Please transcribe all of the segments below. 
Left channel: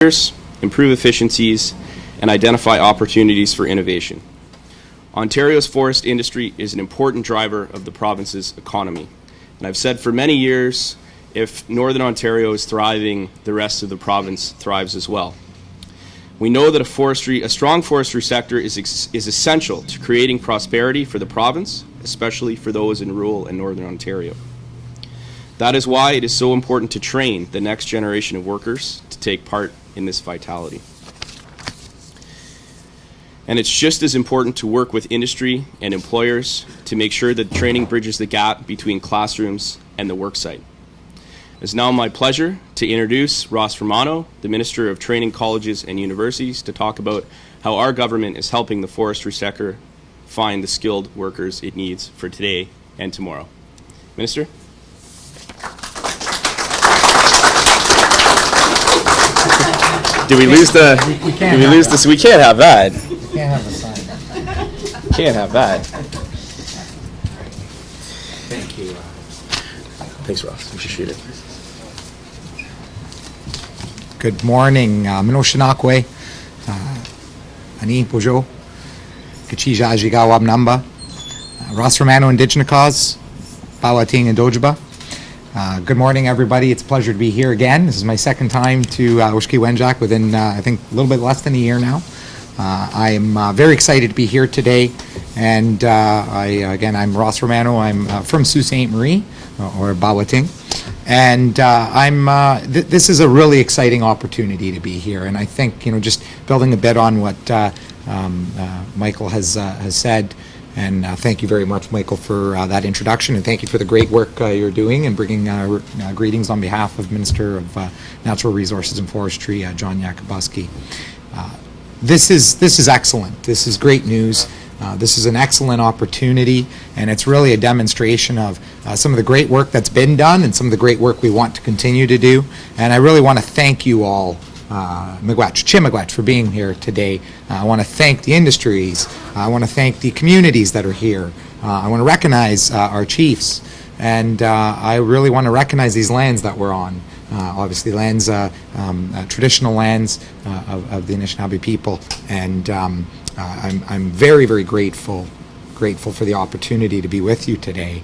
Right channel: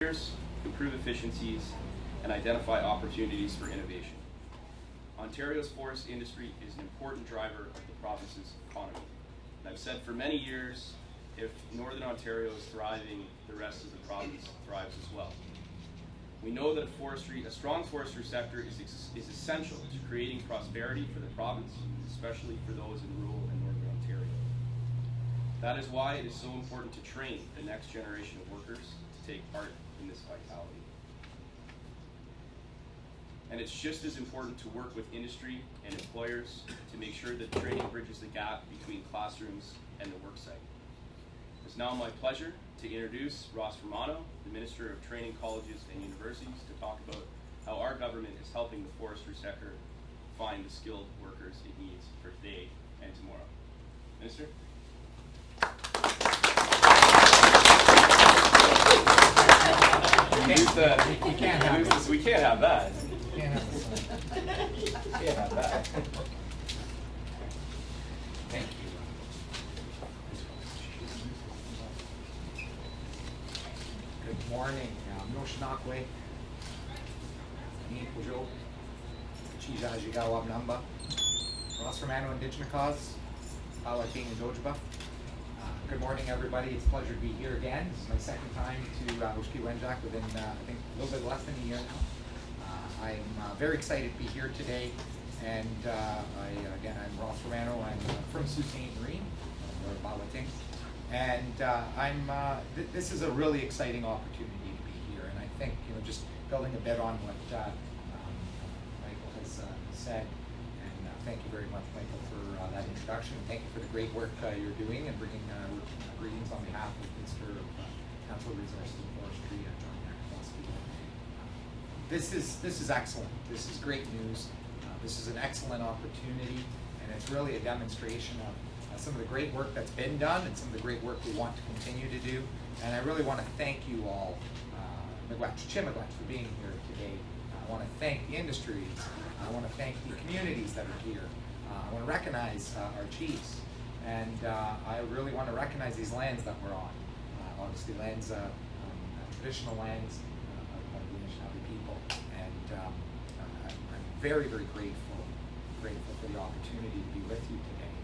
improve efficiencies, and identify opportunities for innovation. Ontario's forest industry is an important driver of the province's economy. And I've said for many years, if Northern Ontario is thriving, the rest of the province thrives as well. We know that a strong forestry sector is essential to creating prosperity for the province, especially for those in rural and Northern Ontario. That is why it is so important to train the next generation of workers to take part in this vitality. And it's just as important to work with industry and employers to make sure that training bridges the gap between classrooms and the worksite. It's now my pleasure to introduce Ross Romano, the Minister of Training Colleges and Universities, to talk about how our government is helping the forestry sector find the skilled workers it needs for today and tomorrow. Minister? Did we lose the? We can't have that. We can't have the sign. Can't have that. Thank you. Thanks, Ross. We should shoot it. Good morning, Anishinawbe, Ani Pojo, Kachija Jigawa Namba, Ross Romano Indigenous Cause, Bawating and Dojaba. Good morning, everybody. It's a pleasure to be here again. This is my second time to Oshki-Wenjack within, I think, a little bit less than a year now. I am very excited to be here today. And again, I'm Ross Romano. I'm from Sault Ste. Marie, or Bawating. And this is a really exciting opportunity to be here. And I think, just building a bit on what Michael has said, and thank you very much, Michael, for that introduction, and thank you for the great work you're doing and bringing greetings on behalf of Minister of Natural Resources and Forestry, John Yakubuski. This is excellent. This is great news. This is an excellent opportunity, and it's really a demonstration of some of the great work that's been done and some of the great work we want to continue to do. And I really want to thank you all, Miigwech, for being here today. I want to thank the industries. I want to thank the communities that are here. I want to recognize our chiefs, and I really want to recognize these lands that we're on. Obviously, lands, traditional lands of the Anishinawbe people, and I'm very, very grateful for the opportunity to be with you today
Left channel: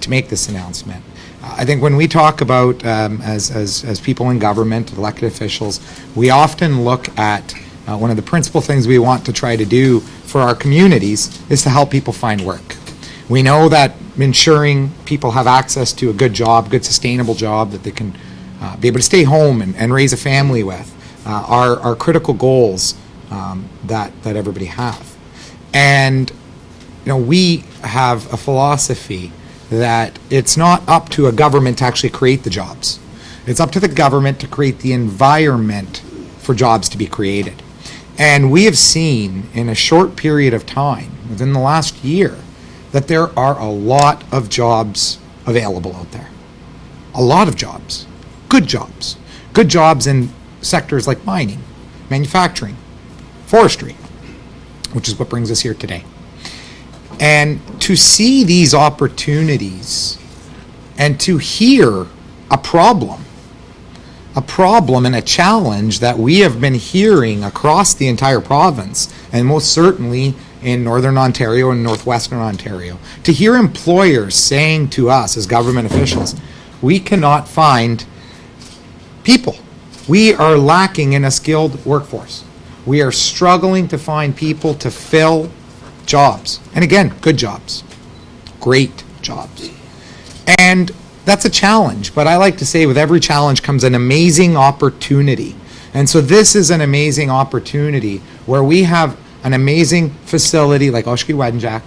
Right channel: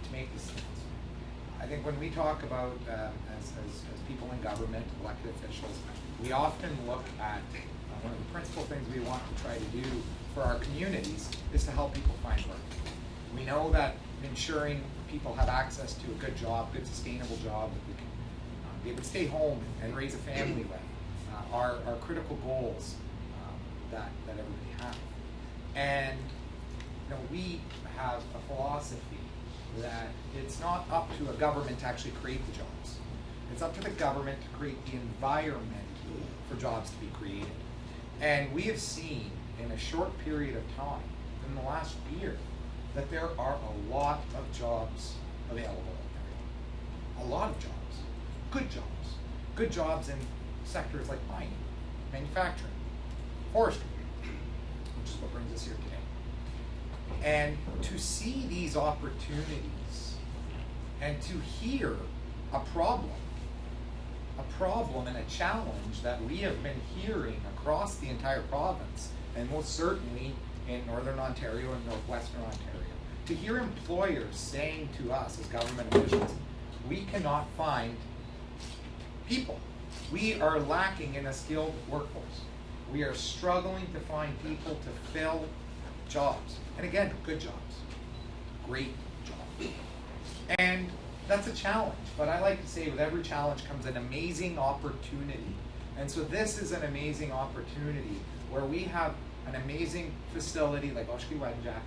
to make this announcement. I think when we talk about, as people in government, elected officials, we often look at one of the principal things we want to try to do for our communities is to help people find work. We know that ensuring people have access to a good job, good sustainable job that they can be able to stay home and raise a family with are critical goals that everybody have. And we have a philosophy that it's not up to a government to actually create the jobs. It's up to the government to create the environment for jobs to be created. And we have seen in a short period of time, within the last year, that there are a lot of jobs available out there. A lot of jobs. Good jobs. Good jobs in sectors like mining, manufacturing, forestry, which is what brings us here today. And to see these opportunities and to hear a problem and a challenge that we have been hearing across the entire province, and most certainly in Northern Ontario and Northwestern Ontario, to hear employers saying to us as government officials, we cannot find people. We are lacking in a skilled workforce. We are struggling to find people to fill jobs. And again, good jobs. Great jobs. And that's a challenge. But I like to say with every challenge comes an amazing opportunity. And so this is an amazing opportunity where we have an amazing facility like Oshki-Wenjack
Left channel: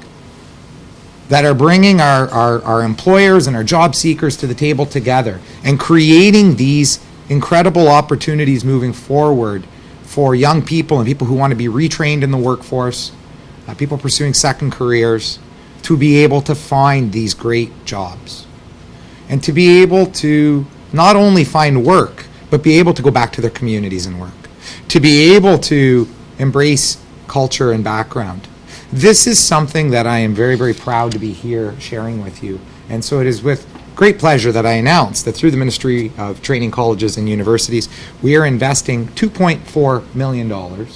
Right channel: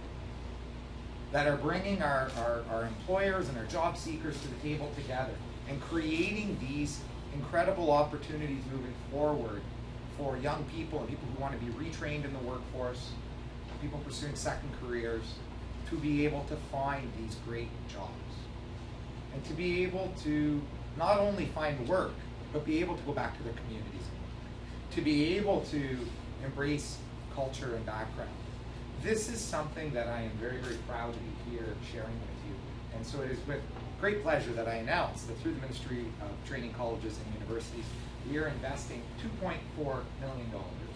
that are bringing our employers and our job seekers to the table together and creating these incredible opportunities moving forward for young people and people who want to be retrained in the workforce, people pursuing second careers, to be able to find these great jobs. And to be able to not only find work, but be able to go back to their communities and work. To be able to embrace culture and background. This is something that I am very, very proud to be here sharing with you. And so it is with great pleasure that I announce that through the Ministry of Training Colleges and Universities, we are investing $2.4 million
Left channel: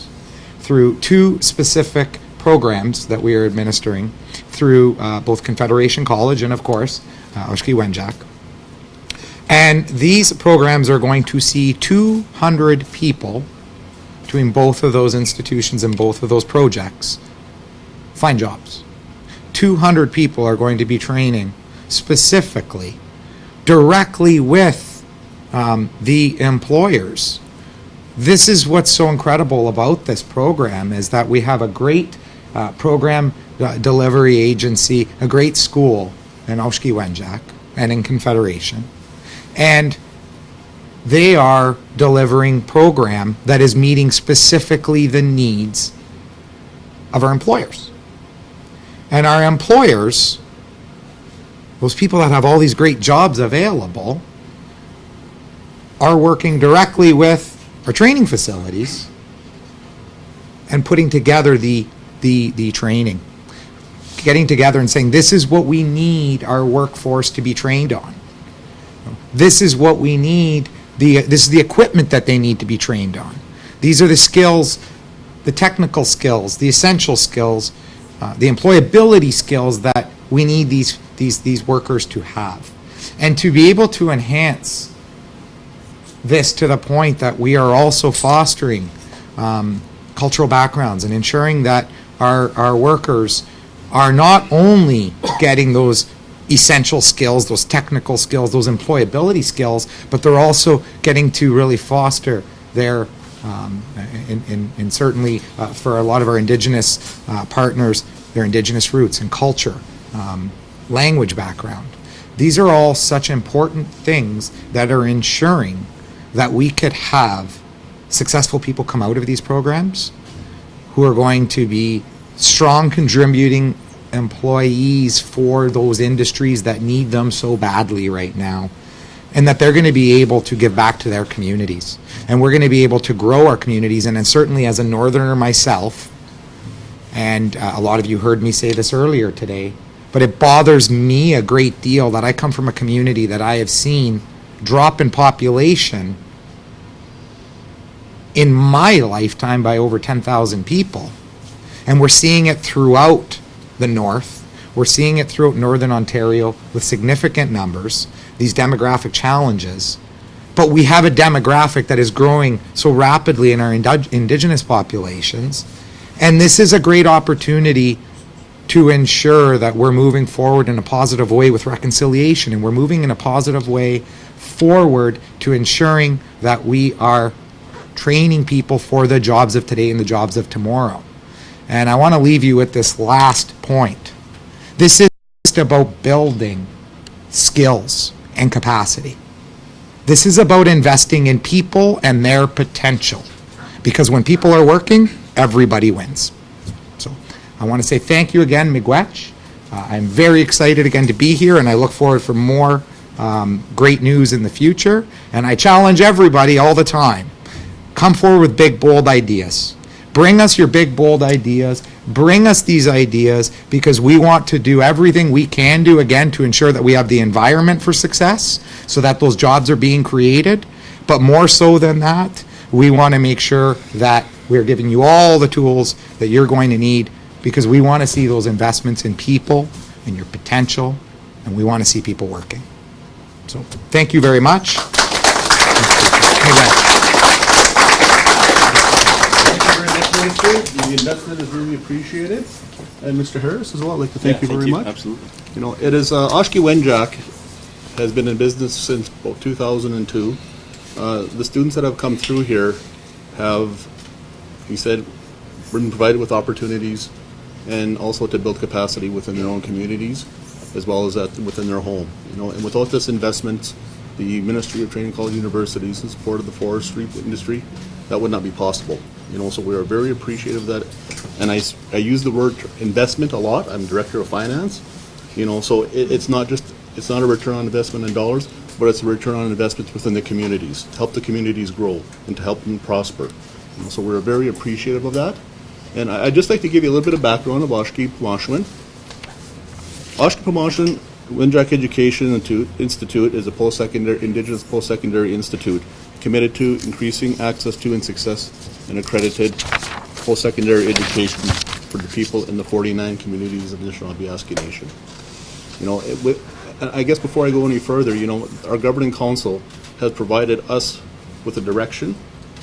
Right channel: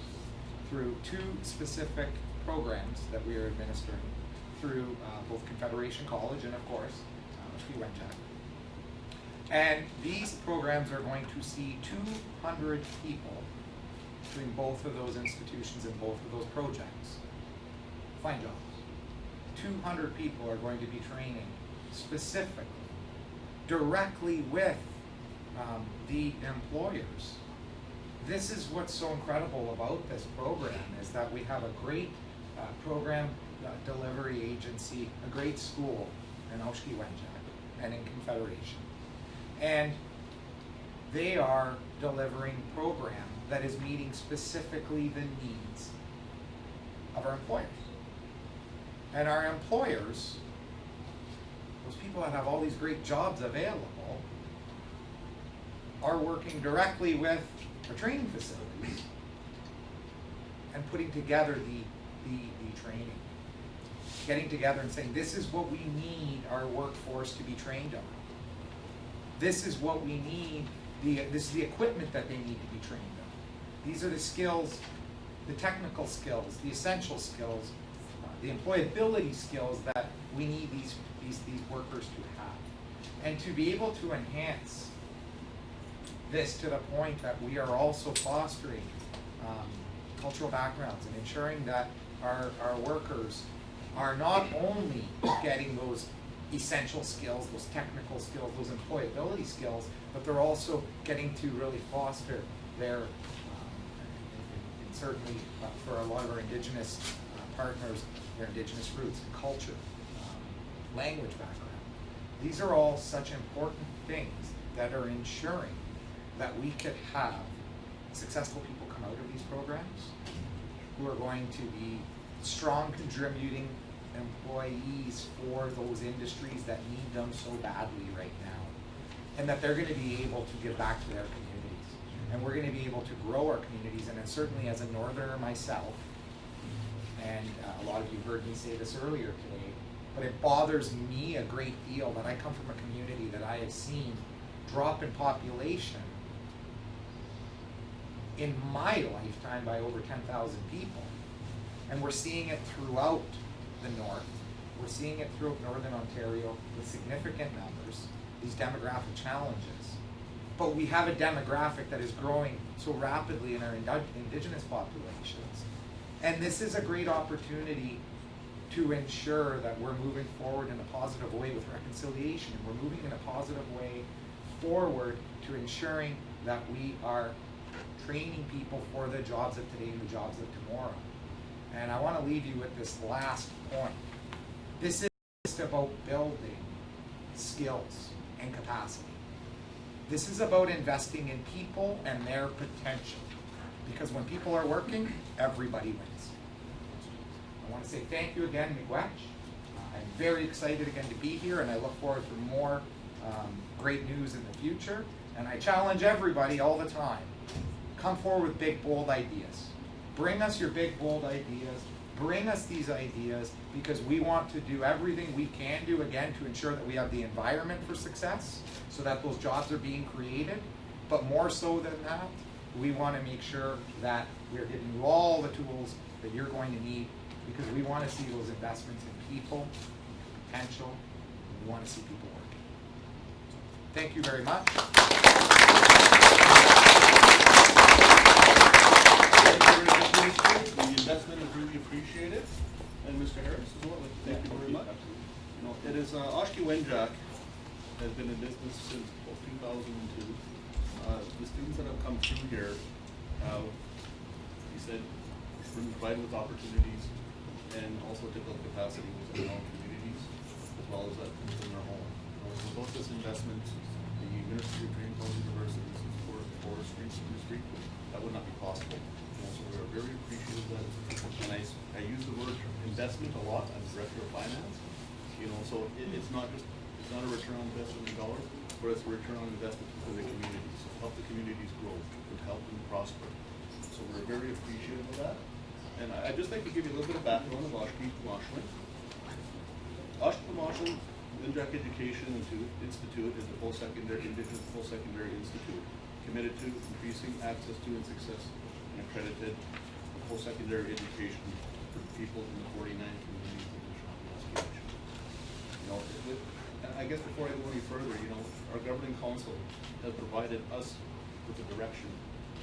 through 2 specific programs that we are administering through both Confederation College and, of course, Oshki-Wenjack. And these programs are going to see 200 people between both of those institutions and both of those projects find jobs. 200 people are going to be training specifically, directly with the employers. This is what's so incredible about this program, is that we have a great program delivery agency, a great school in Oshki-Wenjack and in Confederation. And they are delivering program that is meeting specifically the needs of our employers. And our employers, those people that have all these great jobs available, are working directly with our training facilities and putting together the training. Getting together and saying, this is what we need our workforce to be trained on. This is what we need, this is the equipment that they need to be trained on. These are the skills, the technical skills, the essential skills, the employability skills that we need these workers to have. And to be able to enhance this to the point that we are also fostering cultural backgrounds and ensuring that our workers are not only getting those essential skills, those technical skills, those employability skills, but they're also getting to really foster their, and certainly for a lot of our Indigenous partners, their Indigenous roots and culture, language background. These are all such important things that are ensuring that we could have successful people come out of these programs who are going to be strong contributing employees for those industries that need them so badly right now, and that they're going to be able to give back to their communities. And we're going to be able to grow our communities. And then certainly as a northerner myself, and a lot of you heard me say this earlier today, but it bothers me a great deal that I come from a community that I have seen drop in population in my lifetime by over 10,000 people. And we're seeing it throughout the north. We're seeing it throughout northern Ontario with significant numbers, these demographic challenges. But we have a demographic that is growing so rapidly in our Indigenous populations. And this is a great opportunity to ensure that we're moving forward in a positive way with reconciliation, and we're moving in a positive way forward to ensuring that we are training people for the jobs of today and the jobs of tomorrow. And I want to leave you with this last point. This is just about building skills and capacity. This is about investing in people and their potential. Because when people are working, everybody wins. So I want to say thank you again, Miigwech. I'm very excited again to be here, and I look forward for more great news in the future. And I challenge everybody all the time. Come forward with big, bold ideas. Bring us your big, bold ideas. Bring us these ideas, because we want to do everything we can do, again, to ensure that we have the environment for success so that those jobs are being created. But more so than that, we want to make sure that we're giving you all the tools that you're going to need, because we want to see those investments in people and your potential, and we want to see people working. So thank you very much. The investment is really appreciated, and Mr. Harris as well. I'd like to thank you very much. Absolutely. You know, it is Oshki-Wenjack has been in business since about 2002. The students that have come through here have, he said, been provided with opportunities and also to build capacity within their own communities as well as within their home. You know, and without this investment, the Ministry of Training College Universities in support of the forestry industry, that would not be possible. You know, so we are very appreciative of that. And I use the word investment a lot. I'm Director of Finance. You know, so it's not a return on investment in dollars, but it's a return on investments within the communities, to help the communities grow and to help them prosper. You know, so we're very appreciative of that. And I'd just like to give you a little bit of background of Oshki-Pimache-O-Win. Oshki-Pimache-O-Win Wenjack Education Institute is a post-secondary, Indigenous post-secondary institute committed to increasing access to and success in accredited post-secondary education for the people in the 49 communities of the Anishinawbe Nation. You know, I guess before I go any further, you know, our governing council has provided us with the direction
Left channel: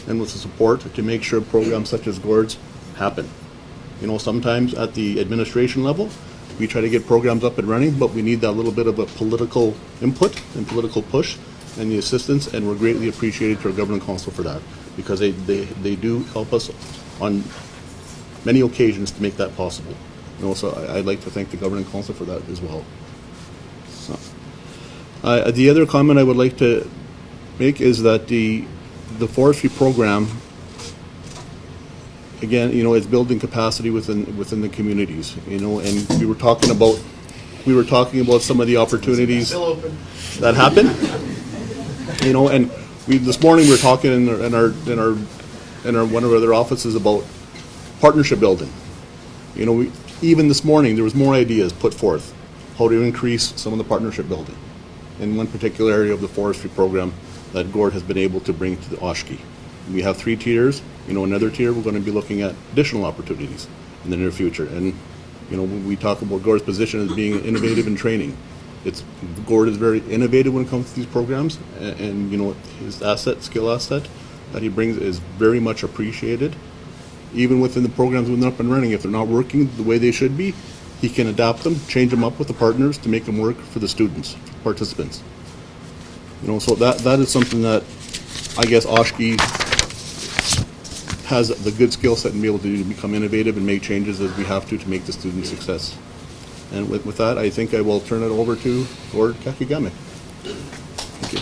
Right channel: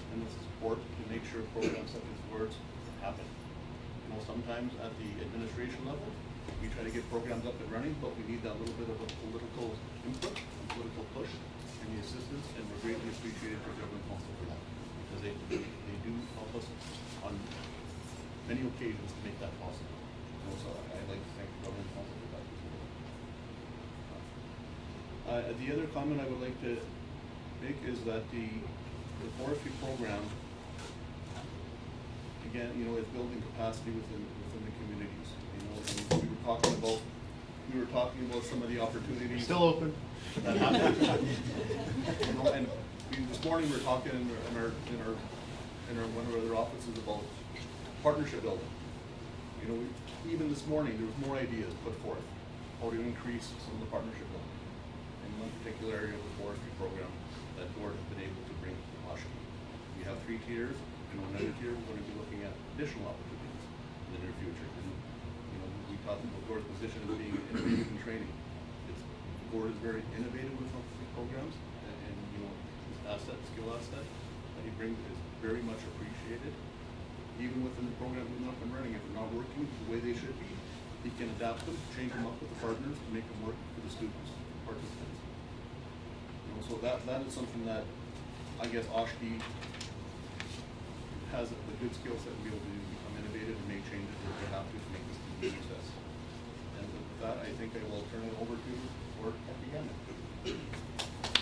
and with the support to make sure programs such as GORDS happen. You know, sometimes at the administration level, we try to get programs up and running, but we need that little bit of a political input and political push and the assistance, and we're greatly appreciated to our governing council for that, because they do help us on many occasions to make that possible. You know, so I'd like to thank the governing council for that as well. So, the other comment I would like to make is that the forestry program, again, you know, it's building capacity within the communities. You know, and we were talking about some of the opportunities that happen. You know, and this morning we were talking in our one of our other offices about partnership building. You know, even this morning there was more ideas put forth how to increase some of the partnership building in one particular area of the forestry program that GORD has been able to bring to the Oshki. We have 3 tiers. You know, another tier we're going to be looking at additional opportunities in the near future. And you know, when we talk about GORD's position as being innovative in training, GORD is very innovative when it comes to these programs, and you know, his skill asset that he brings is very much appreciated. Even within the programs when they're up and running, if they're not working the way they should be, he can adapt them, change them up with the partners to make them work for the students, participants. You know, so that is something that I guess Oshki has the good skill set and be able to become innovative and make changes as we have to make the student success. And with that, I think I will turn it over to Gord Kakigame. Thank you.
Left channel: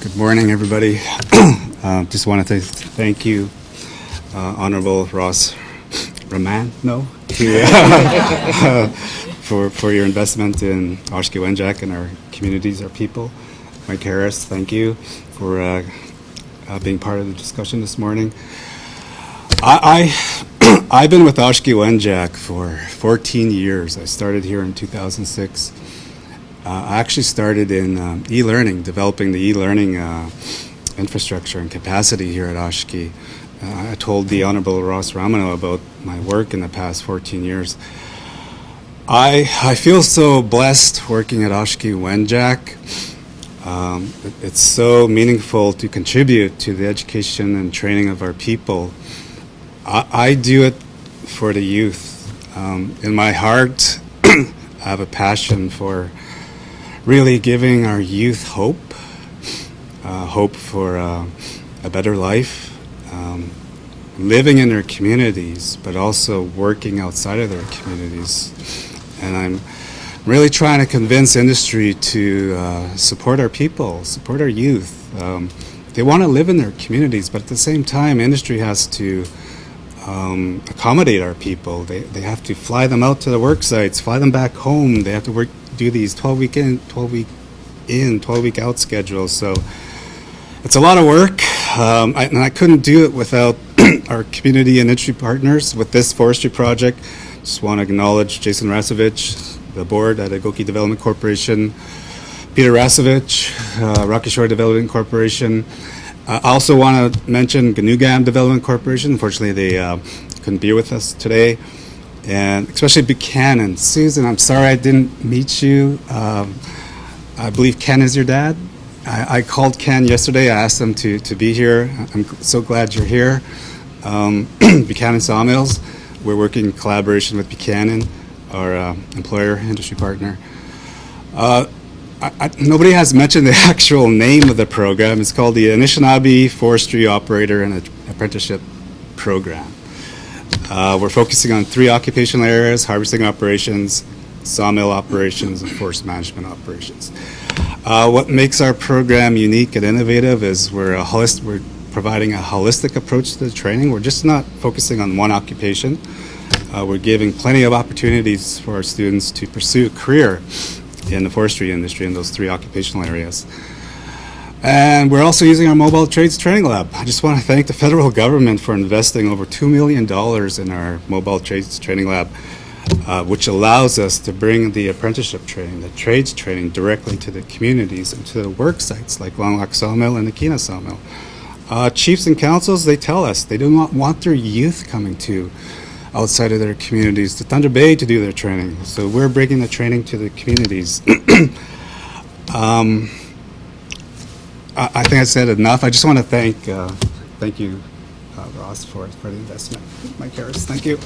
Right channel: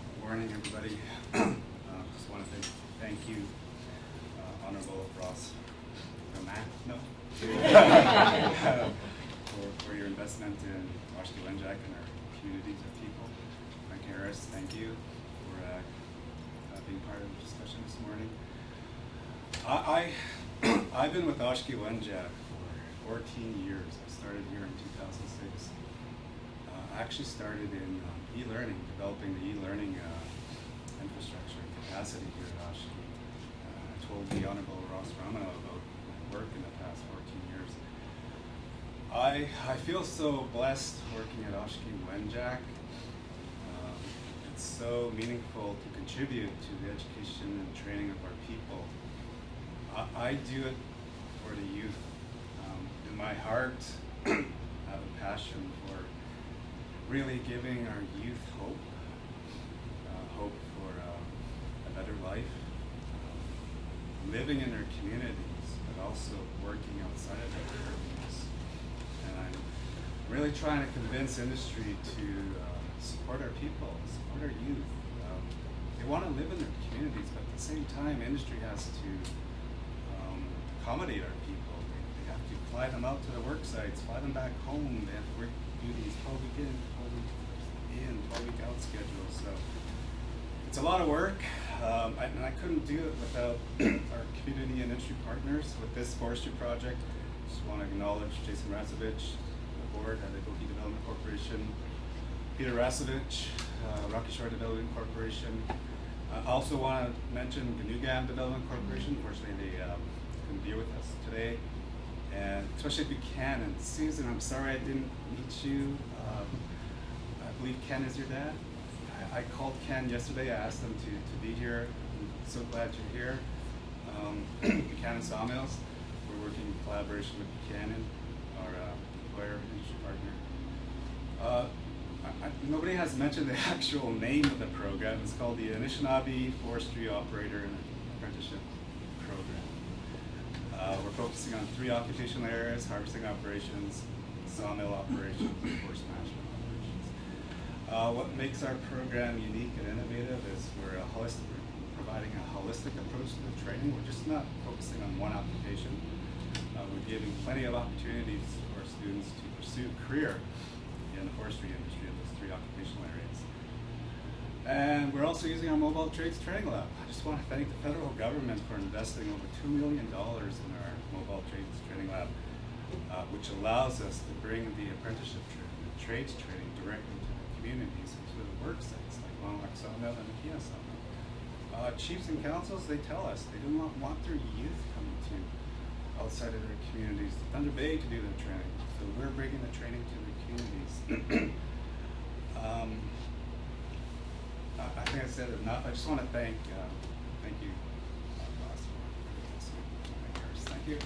Good morning, everybody. Just want to thank you, Honorable Romano, for your investment in Oshki-Wenjack and our communities, our people. Mike Harris, thank you for being part of the discussion this morning. I've been with Oshki-Wenjack for 14 years. I started here in 2006. I actually started in e-learning, developing the e-learning infrastructure and capacity here at Oshki. I told the Honorable Romano about my work in the past 14 years. I feel so blessed working at Oshki-Wenjack. It's so meaningful to contribute to the education and training of our people. I do it for the youth. In my heart, I have a passion for really giving our youth hope, hope for a better life, living in their communities, but also working outside of their communities. And I'm really trying to convince industry to support our people, support our youth. They want to live in their communities, but at the same time, industry has to accommodate our people. They have to fly them out to the work sites, fly them back home. They have to do these 12-week in, 12-week in, 12-week out schedules. So it's a lot of work, and I couldn't do it without our community and industry partners with this forestry project. Just want to acknowledge Jason Rasovich, the board at Ogoki Development Corporation, Peter Rasovich, Rocky Shore Development Corporation. I also want to mention Ganugam Development Corporation. Unfortunately, they couldn't be with us today. And especially Buchanan. Susan, I'm sorry I didn't meet you. I believe Ken is your dad. I called Ken yesterday. I asked him to be here. I'm so glad you're here. Buchanan Sawmills. We're working in collaboration with Buchanan, our employer, industry partner. Nobody has mentioned the actual name of the program. It's called the Anishinawbe Forestry Operator and Apprenticeship Program. We're focusing on 3 occupational areas: harvesting operations, sawmill operations, and forest management operations. What makes our program unique and innovative is we're providing a holistic approach to the training. We're just not focusing on one occupation. We're giving plenty of opportunities for our students to pursue a career in the forestry industry in those 3 occupational areas. And we're also using our mobile trades training lab. I just want to thank the federal government for investing over $2 million in our mobile trades training lab, which allows us to bring the apprenticeship training, the trades training, directly to the communities and to the work sites like Long Lac Sawmill and the Kena Sawmill. Chiefs and councils, they tell us they do not want their youth coming to outside of their communities, to Thunder Bay to do their training. So we're bringing the training to the communities. I think I said enough. I just want to thank you, Ross, for the investment. Mike Harris, thank you.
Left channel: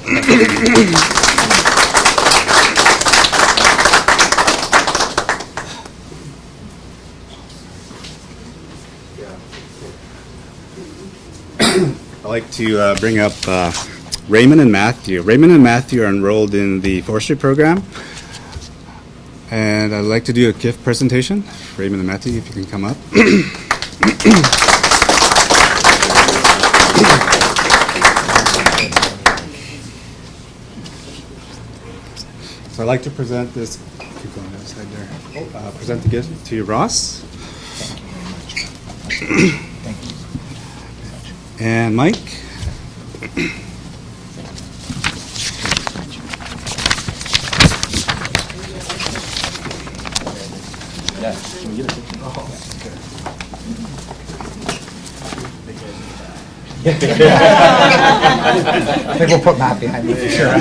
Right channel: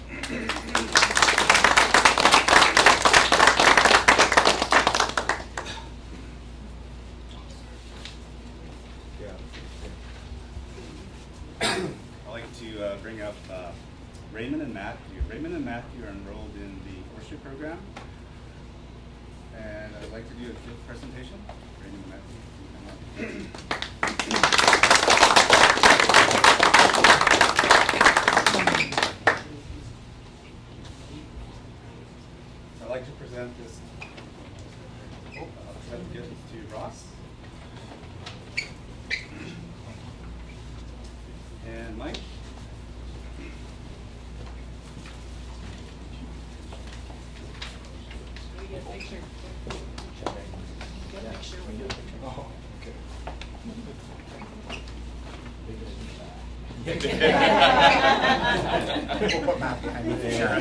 I'd like to bring up Raymond and Matthew. Raymond and Matthew are enrolled in the Forestry program. And I'd like to do a gift presentation. Raymond and Matthew, if you can come up. So I'd like to present this, keep going outside there. Present the gift to you, Ross. And Mike. I think we'll put Matt behind me for sure.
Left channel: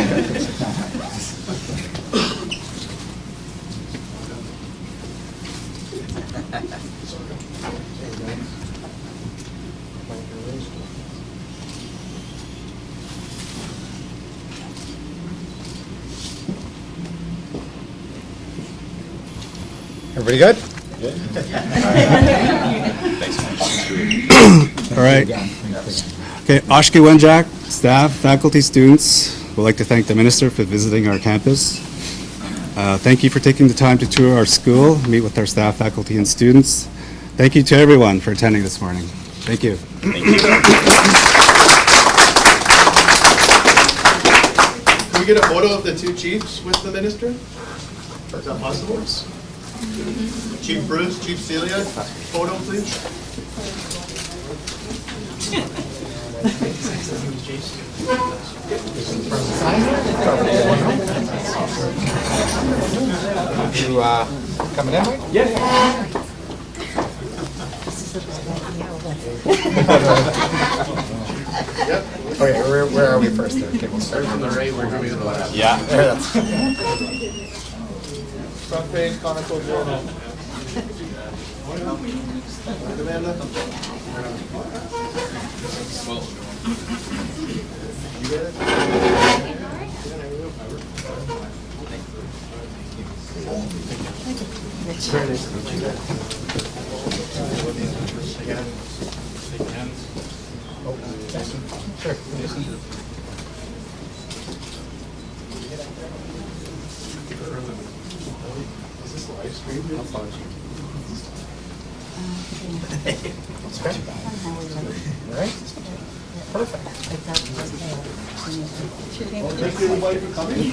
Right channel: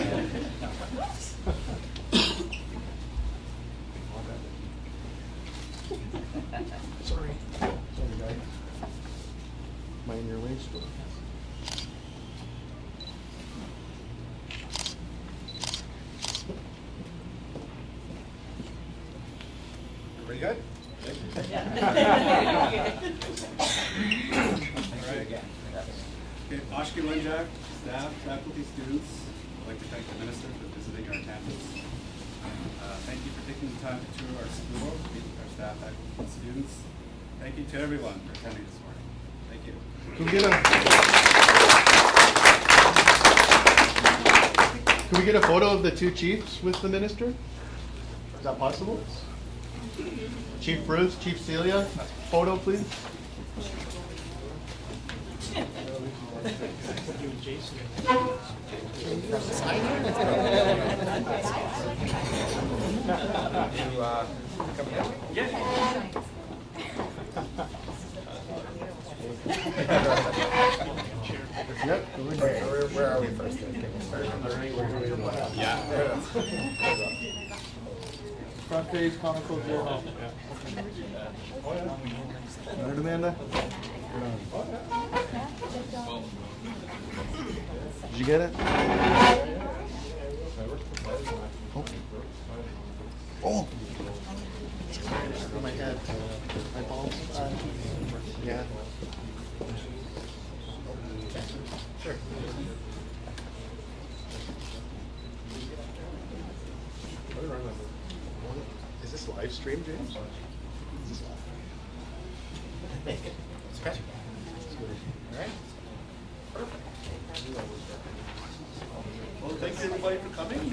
Everybody good? All right. Okay, Oshki-Wenjack, staff, faculty, students, would like to thank the minister for visiting our campus. Thank you for taking the time to tour our school, meet with our staff, faculty, and students. Thank you to everyone for attending this morning. Thank you. Can we get a photo of the two chiefs with the minister? Is that possible? Chief Bruce, Chief Celia, photo please. You coming in, Mike? Yeah. Okay, where are we first there? Okay, we'll start from the right. We're going to the left. Yeah. Front page, Chronicle Journal. Amanda? You get it? Sure. Is this live stream? Okay. All right. Perfect. Thank you everybody for coming.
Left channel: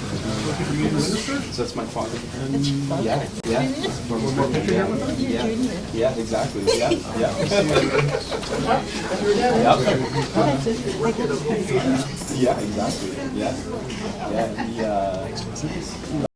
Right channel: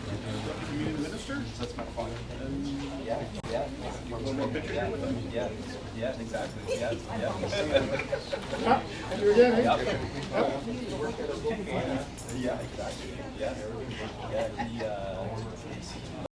So that's my father. Yeah. One more picture here with us? Yeah, exactly. Yeah, yeah. Yeah, exactly. Yeah. Yeah,